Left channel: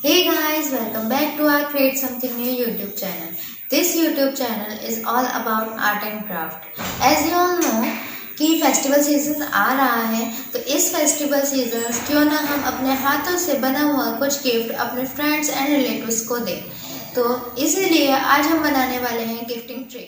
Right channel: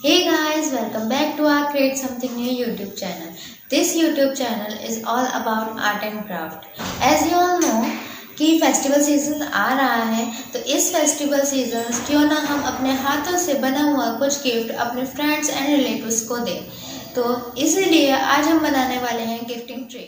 Hey guys, welcome back to our Create Something New YouTube channel. This YouTube channel is all about art and craft. As you all know कि festival season आ रहा है, तो इस festival season क्यों ना हम अपने हाथों से बना हुआ कुछ गिफ्ट अपने फ्रेंड्स एंड रिलेटिव्स को दें। तो इसीलिए आज हम बनाने वाले हैं गिफ्टिंग ट्रे।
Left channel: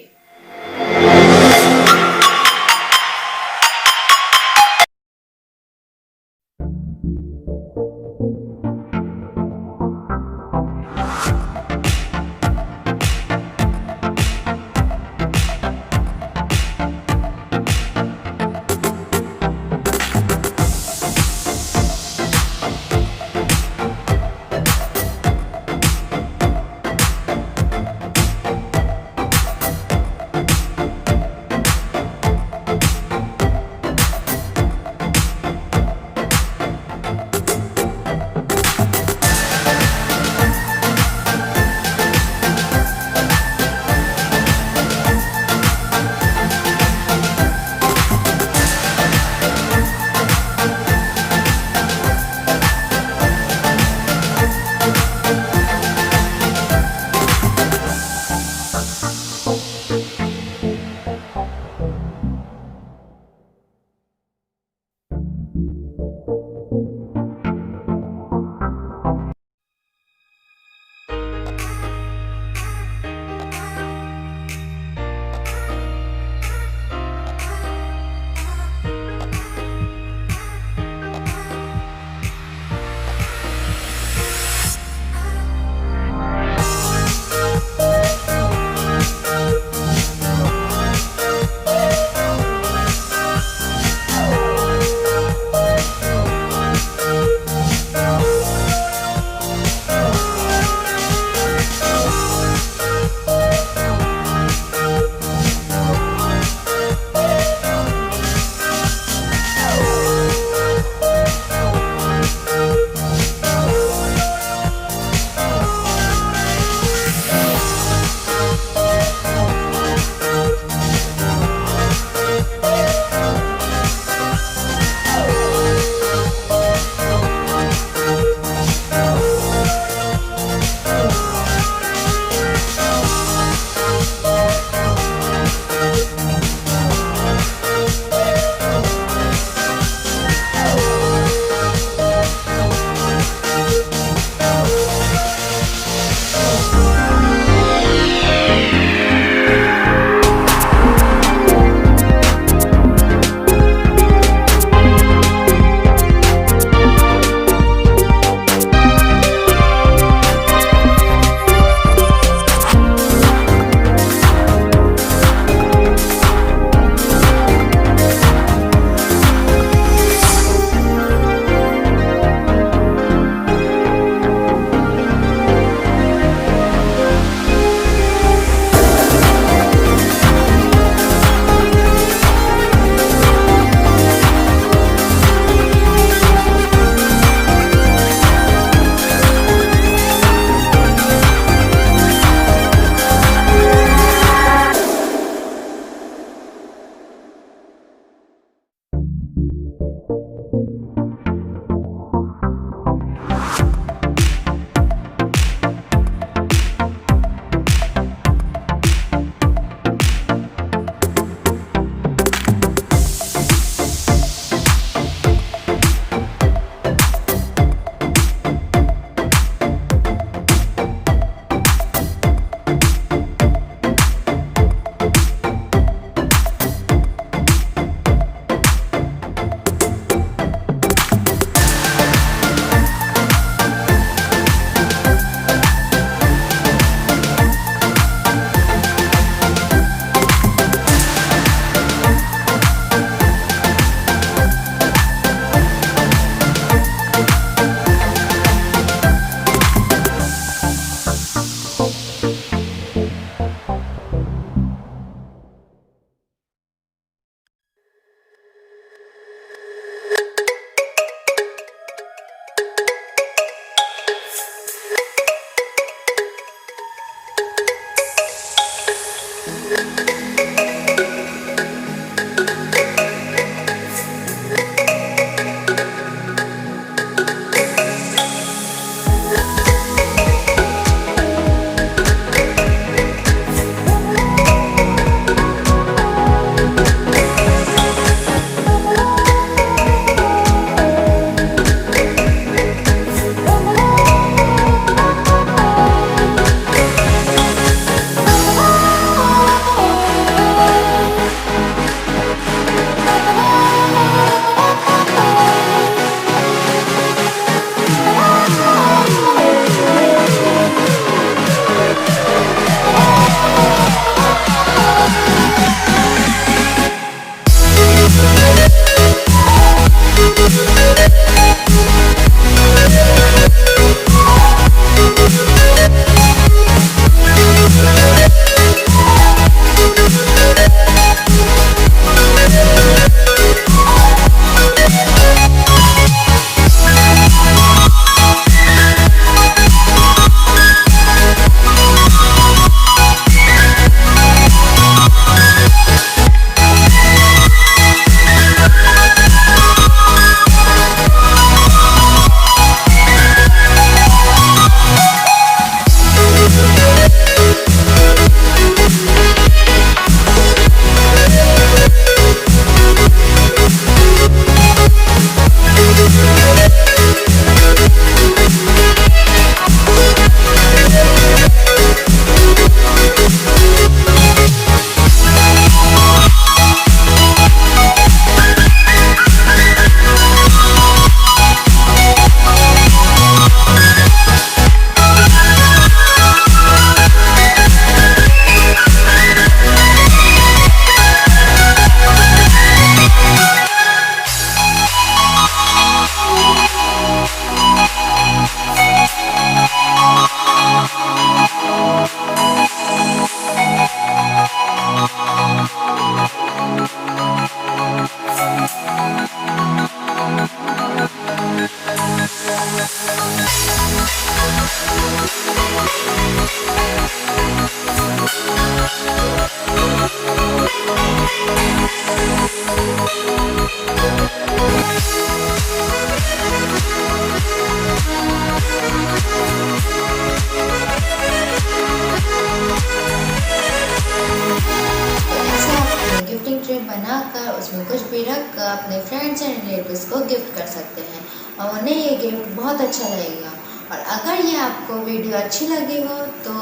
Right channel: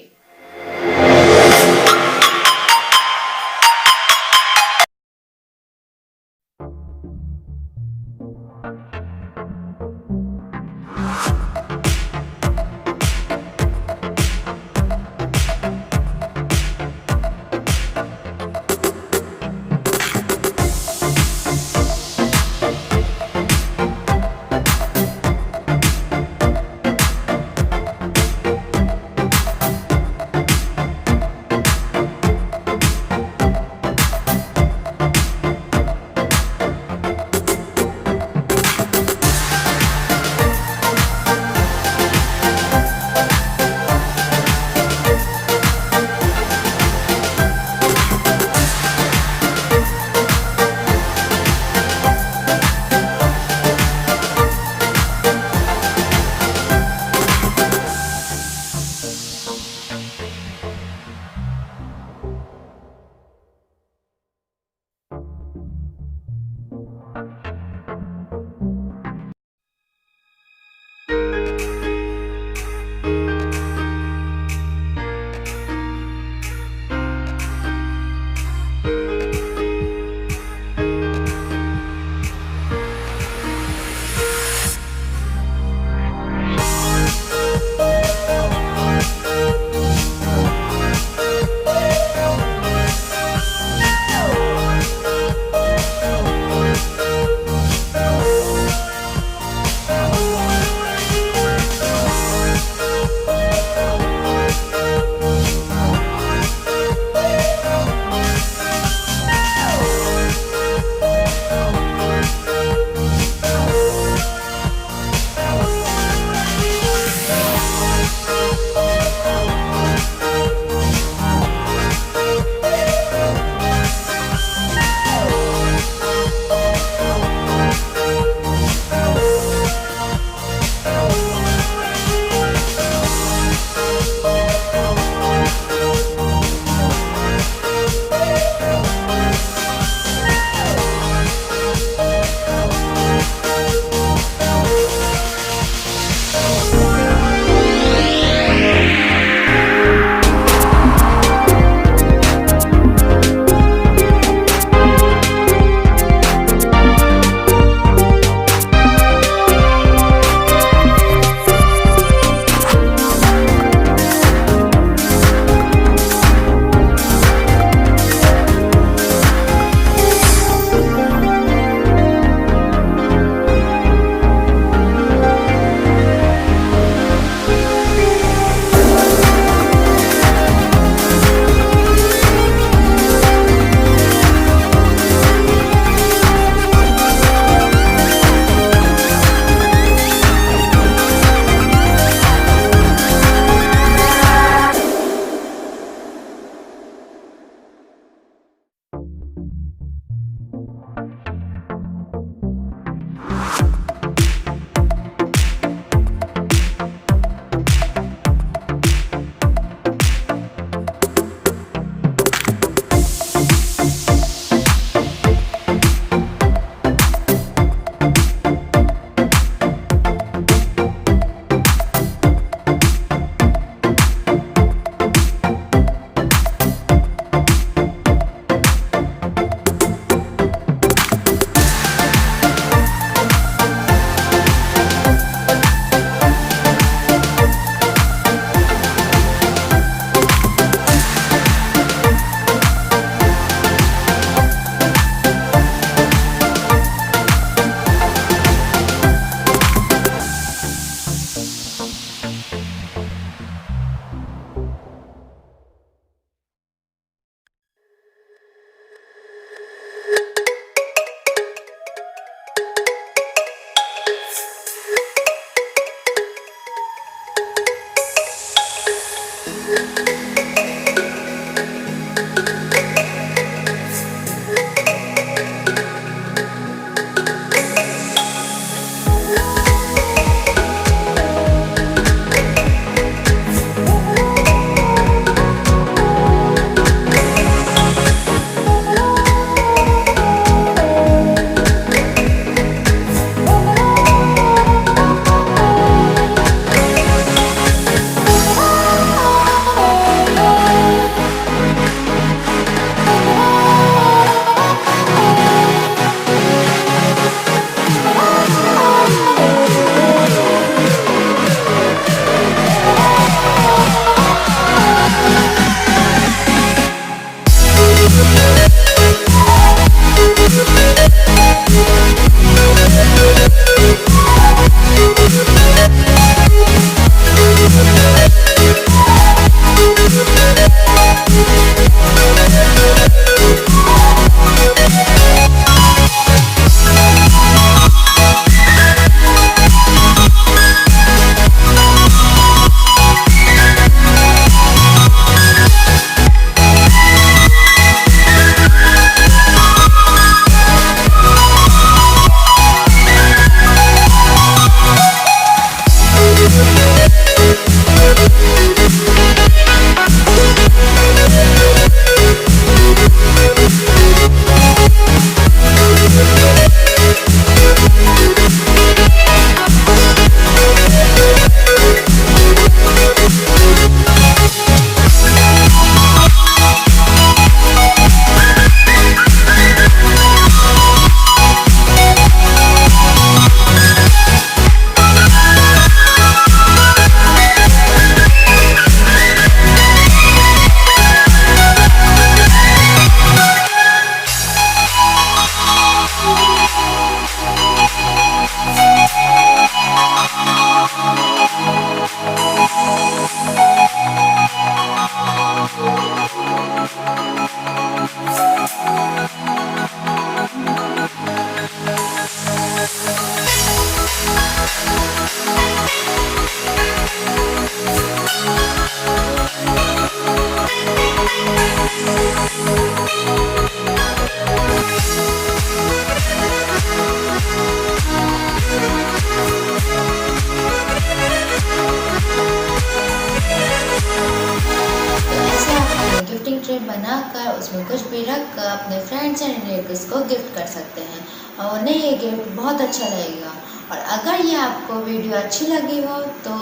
गिफ्टिंग ट्रे बनाकर उसमें कुछ भी रख कर अपने फ्रेंड्स एंड रिलेटिव्स को गिफ्ट कर सकते हैं और उन्हें ये गिफ्ट बहुत अच्छा लगेगा। और अगर ये आपको वीडियो अच्छी लगी हो तो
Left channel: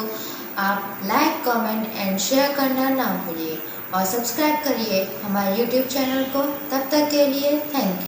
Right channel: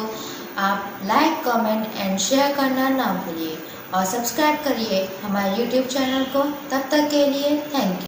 आप लाइक, कमेंट एंड शेयर करना ना भूलिए और सब्सक्राइब करिए हमारे YouTube चैनल को। तब तक के लिए थैंक यू।